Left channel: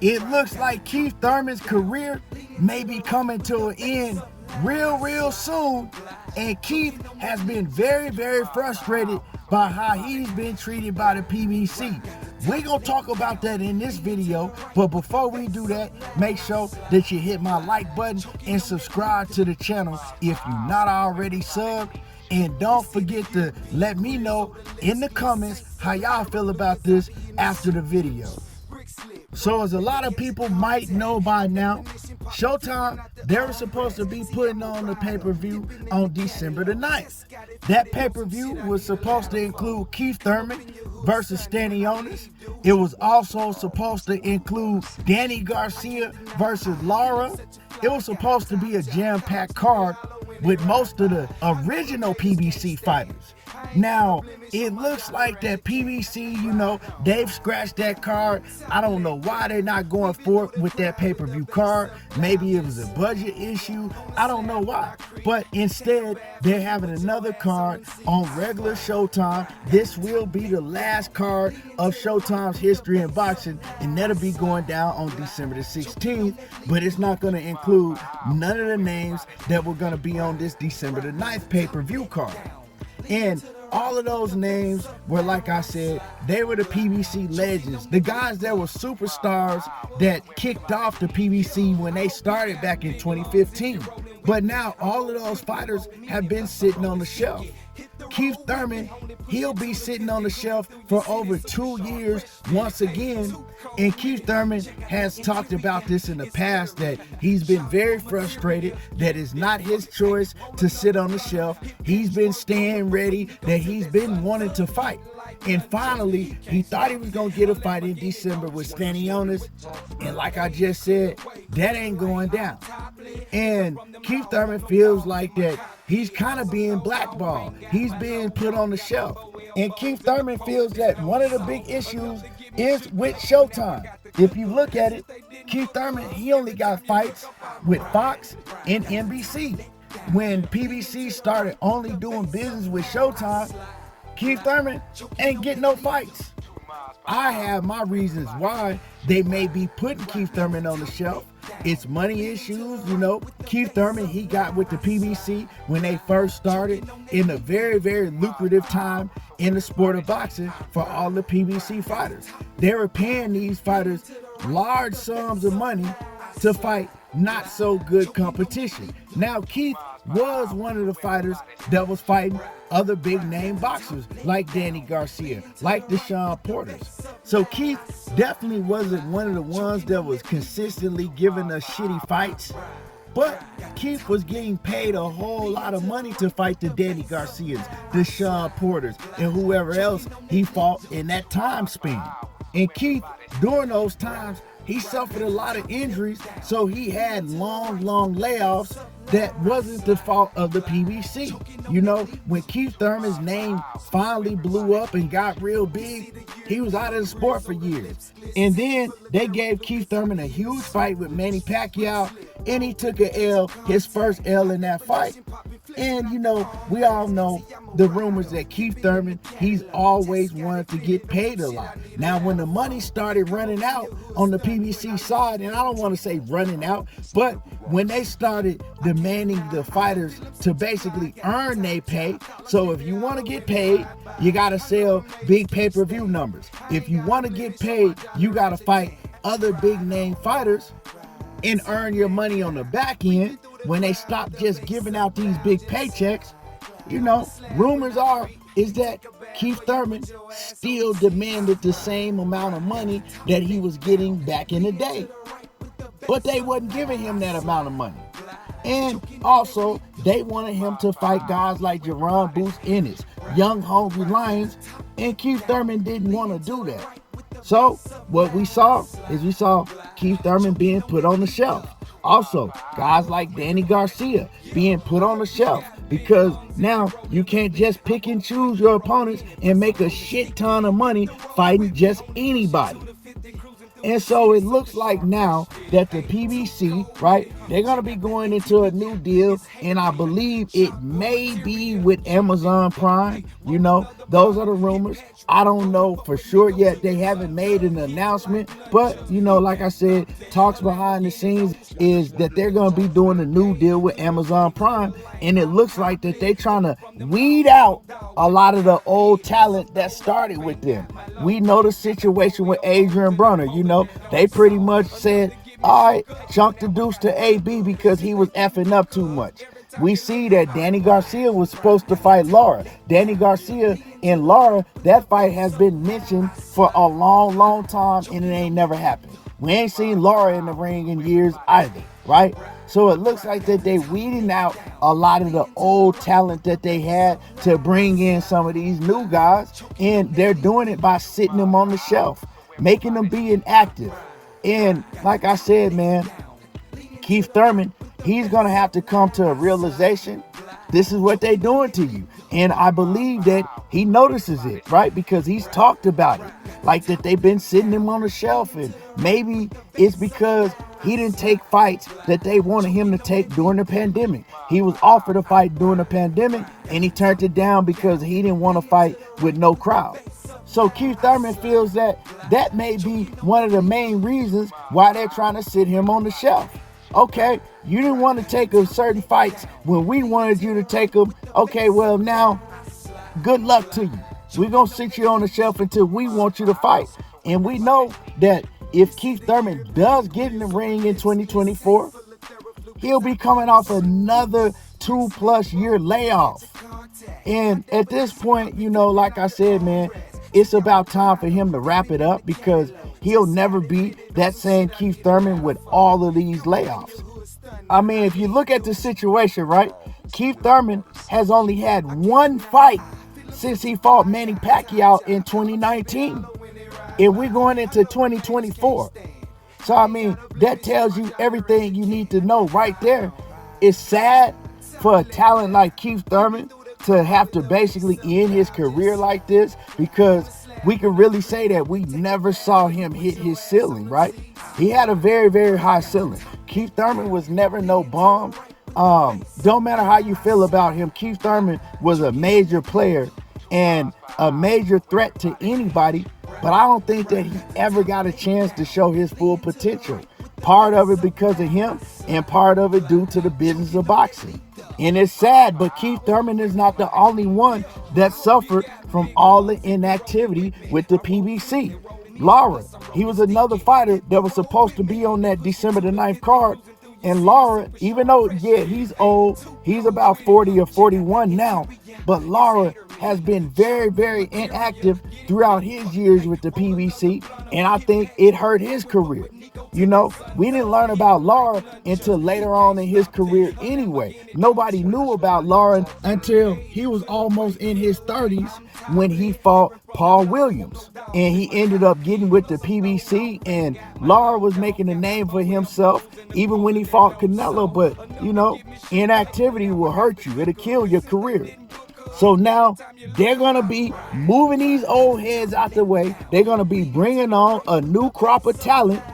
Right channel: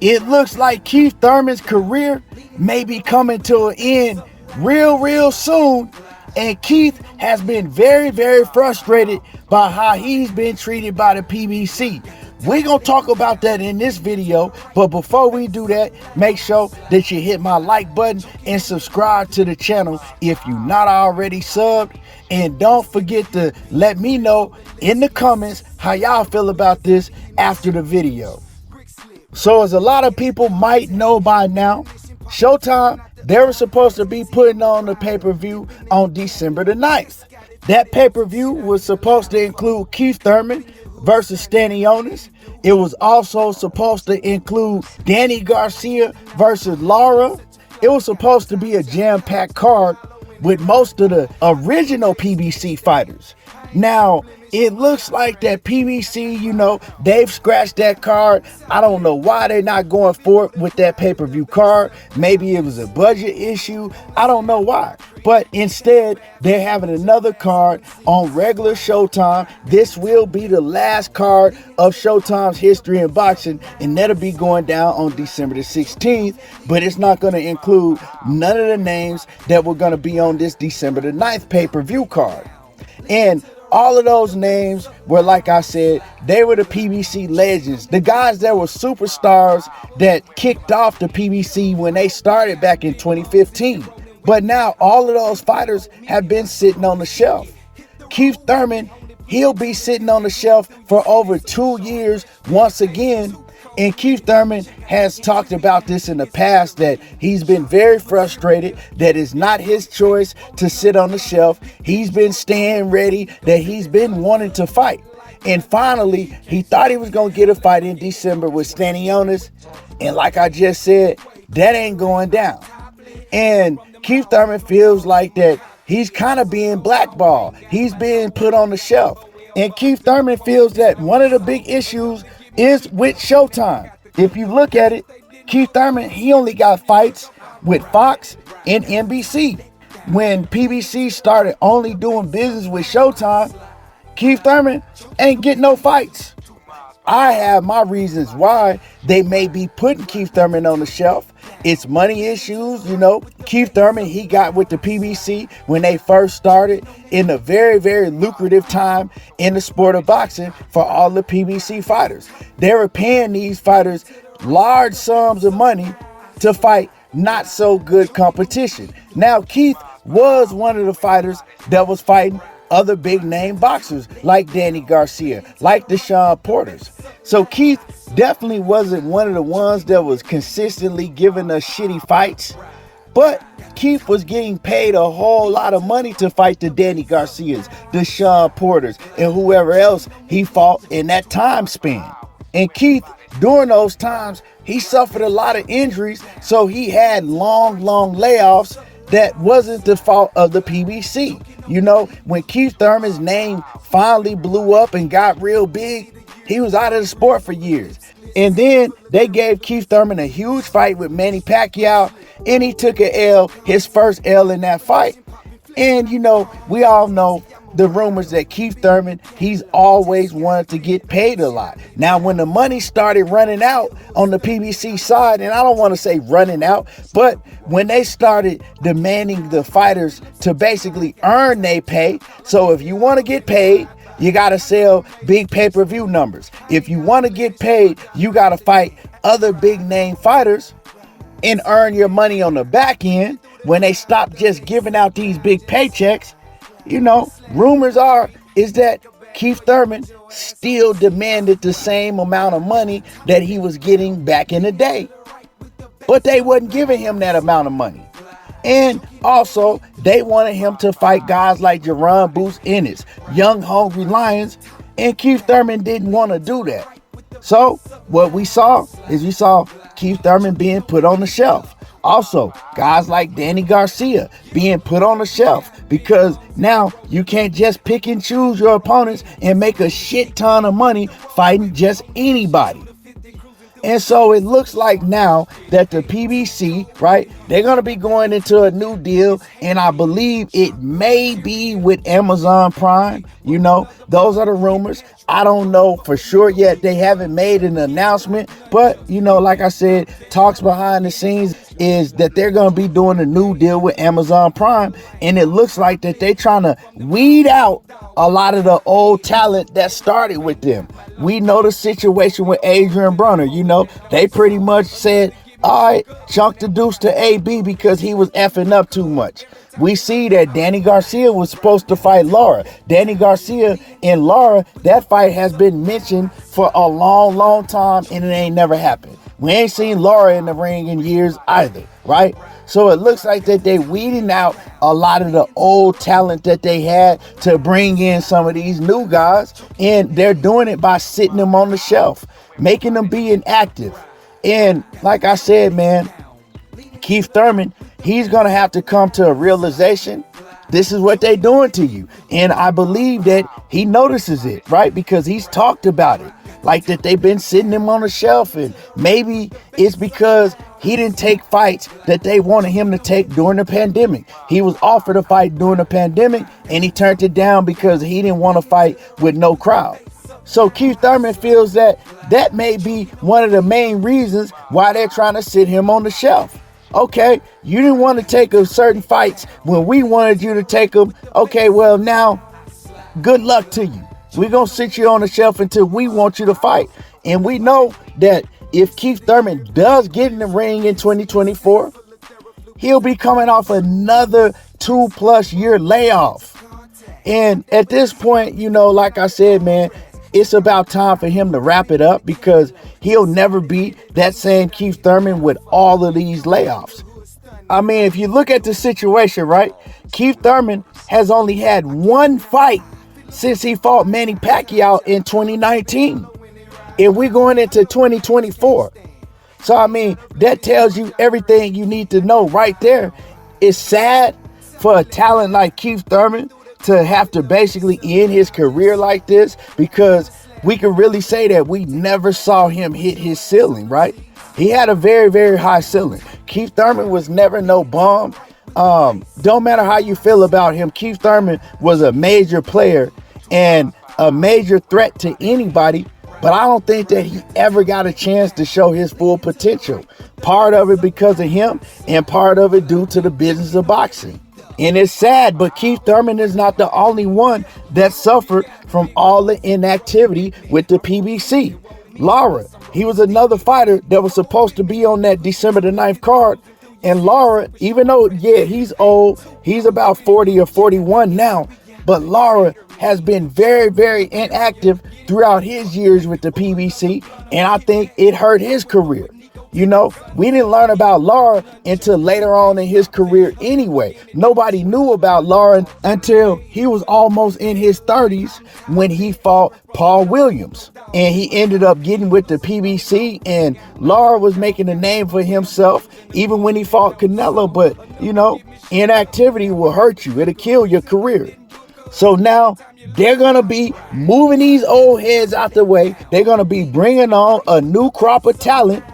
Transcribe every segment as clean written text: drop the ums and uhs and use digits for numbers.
It looks like Keith Thurman's career may be coming to an end real soon, and Keith has been very frustrated by how he's been treated by the PBC. We're gonna talk about that in this video, but before we do that, make sure that you hit my like button and subscribe to the channel if you're not already subbed. And don't forget to let me know in the comments how y'all feel about this after the video. So as a lot of people might know by now, Showtime, they were supposed to be putting on the pay-per-view on December the 9th. That pay-per-view was supposed to include Keith Thurman versus Stanionis. It was also supposed to include Danny Garcia versus Lara. It was supposed to be a jam-packed card with most of the original PBC fighters. Now, it looks like that PBC, they've scratched that card. I don't know why they're not going for it with that pay-per-view card. Maybe it was a budget issue. I don't know why. But instead, they're having another card on regular Showtime. This will be the last card of Showtime's history in boxing, and that'll be going down on December the 16th. But it's not going to include none of the names that were going to be on this December the 9th pay-per-view card. And all of those names were, like I said, they were the PBC legends, the guys that were superstars that kicked off the PBC when they started back in 2015. But now all of those fighters have been sitting on the shelf. Keith Thurman, he'll be sitting on the shelf for over 2 years once again. And Keith Thurman has talked about this in the past, that he's been very frustrated, that it's not his choice to sit on the shelf. He's been staying ready, that he's been wanting to fight. And finally, he thought he was going to get a fight in December with Stanionis. And like I just said, that ain't going down. And Keith Thurman feels like that he's kind of being blackballed. He's being put on the shelf. And Keith Thurman feels that one of the big issues is with Showtime. If you look at it, Keith Thurman, he only got fights with Fox and NBC. When PBC started only doing business with Showtime, Keith Thurman ain't getting no fights. I have my reasons why they may be putting Keith Thurman on the shelf. It's money issues, Keith Thurman, he got with the PBC when they first started in a very lucrative time in the sport of boxing for all the PBC fighters. They were paying these fighters large sums of money to fight not so good competition. Now, Keith was one of the fighters that was fighting other big name boxers like Danny Garcia, like the Sean Porters. So Keith definitely wasn't one of the ones that was consistently giving us shitty fights, but Keith was getting paid a whole lot of money to fight the Danny Garcias, the Sean Porters, and whoever else he fought in that time span. And Keith, during those times, he suffered a lot of injuries, so he had long layoffs. That wasn't the fault of the PBC. When Keith Thurman's name finally blew up and got real big, he was out of the sport for years. And then they gave Keith Thurman a huge fight with Manny Pacquiao, and he took an L, his first L in that fight. And we all know the rumors that Keith Thurman, he's always wanted to get paid a lot. Now, when the money started running out on the PBC side, and I don't want to say running out, but when they started demanding the fighters to basically earn their pay, so if you want to get paid, you got to sell big pay-per-view numbers. If you want to get paid, you got to fight other big name fighters and earn your money on the back end. When they stop just giving out these big paychecks, rumors is that Keith Thurman still demanded the same amount of money that he was getting back in the day. But they wasn't giving him that amount of money. And also, they wanted him to fight guys like Jerron Boots Ennis, Young Hungry Lions, and Keith Thurman didn't want to do that. So what we saw Keith Thurman being put on the shelf. Also, guys like Danny Garcia being put on the shelf, because now you can't just pick and choose your opponents and make a shit ton of money fighting just anybody. And so it looks like now that the PBC, right, they're going to be going into a new deal, and I believe it may be with Amazon Prime. those are the rumors. I don't know for sure yet. They haven't made an announcement, but like I said, talks behind the scenes is that they're going to be doing a new deal with Amazon Prime, and it looks like that they're trying to weed out a lot of the old talent that started with them. We know the situation with Adrian Brunner. They pretty much said, all right, chunk the deuce to AB because he was effing up too much. We see that Danny Garcia was supposed to fight Lara. Danny Garcia and Lara, that fight has been mentioned for a long, long time, and it ain't never happened. We ain't seen Lara in the ring in years either, right? So it looks like that they weeding out a lot of the old talent that they had to bring in some of these new guys, and they're doing it by sitting them on the shelf, making them be inactive. And like I said, man, Keith Thurman, he's going to have to come to a realization. This is what they're doing to you. And I believe that he notices it, right? Because he's talked about it. Like that they've been sitting him on the shelf. And maybe it's because he didn't take fights that they wanted him to take during the pandemic. He was offered a fight during the pandemic and he turned it down because he didn't want to fight with no crowd. So Keith Thurman feels that may be one of the main reasons why they're trying to sit him on the shelf. Okay, you didn't want to take certain fights when we wanted you to take them. Okay, well now, good luck to you. We're going to sit you on the shelf until we want you to fight. And we know that if Keith Thurman does get in the ring in 2024, he'll be coming off another 2+ year layoff. And at this point, like I said, man, it's about time for him to wrap it up because he'll never be that same Keith Thurman with all of these layoffs. I mean, if you look at the situation, right, Keith Thurman has only had one fight since he fought Manny Pacquiao in 2019. And we're going into 2024. So, I mean, that tells you everything you need to know right there. It's sad for a talent like Keith Thurman to have to basically end his career like this, because we can really say that we never saw him hit his ceiling, right? He had a very, very high ceiling. Keith Thurman was never no bum. Don't matter how you feel about him, Keith Thurman was a major player and a major threat to anybody, but I don't think that he ever got a chance to show his full potential. Part of it because of him and part of it due to the business of boxing. And it's sad, but Keith Thurman is not the only one that suffered from all the inactivity with the PBC. Lara, he was another fighter that was supposed to be on that December the 9th card. And Lara, even though, he's old, he's about 40 or 41 now, but Lara has been very, very inactive throughout his years with the PBC, and I think it hurt his career. We didn't learn about Lara until later on in his career anyway. Nobody knew about Lara until he was almost in his 30s when he fought Paul Williams. And he ended up getting with the PBC, and Lara was making a name for himself even when he fought Canelo. But, inactivity will hurt you. It'll kill your career. So now they're going to be moving these old heads out the way. They're going to be bringing on a new crop of talent.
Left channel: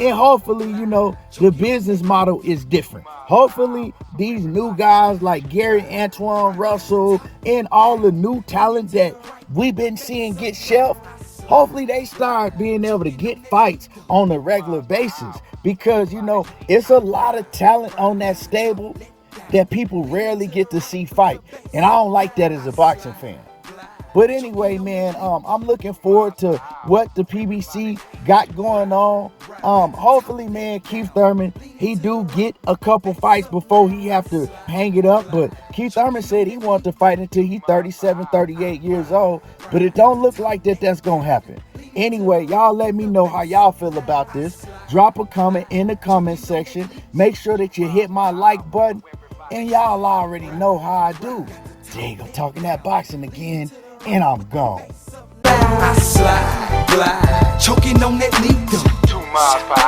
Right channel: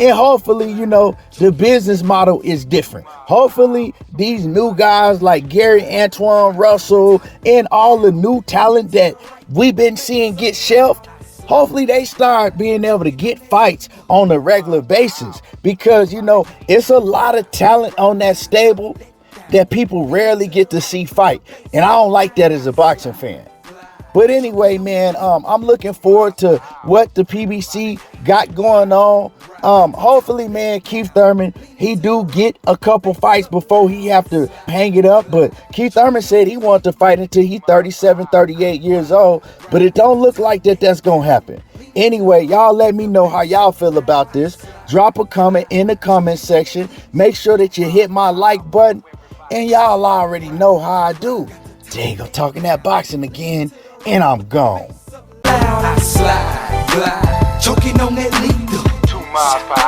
And hopefully, the business model is different. Hopefully, these new guys like Gary Antoine Russell and all the new talent that we've been seeing get shelved, hopefully they start being able to get fights on a regular basis. Because, it's a lot of talent on that stable that people rarely get to see fight. And I don't like that as a boxing fan. But anyway, man, I'm looking forward to what the PBC got going on. Hopefully, man, Keith Thurman, he do get a couple fights before he have to hang it up. But Keith Thurman said he wanted to fight until he's 37, 38 years old. But it don't look like that's going to happen. Anyway, y'all let me know how y'all feel about this. Drop a comment in the comment section. Make sure that you hit my like button. And y'all already know how I do. There you go, talking that boxing again. And I'm gone. I slide, glide, choking on that needle. 2 miles per hour.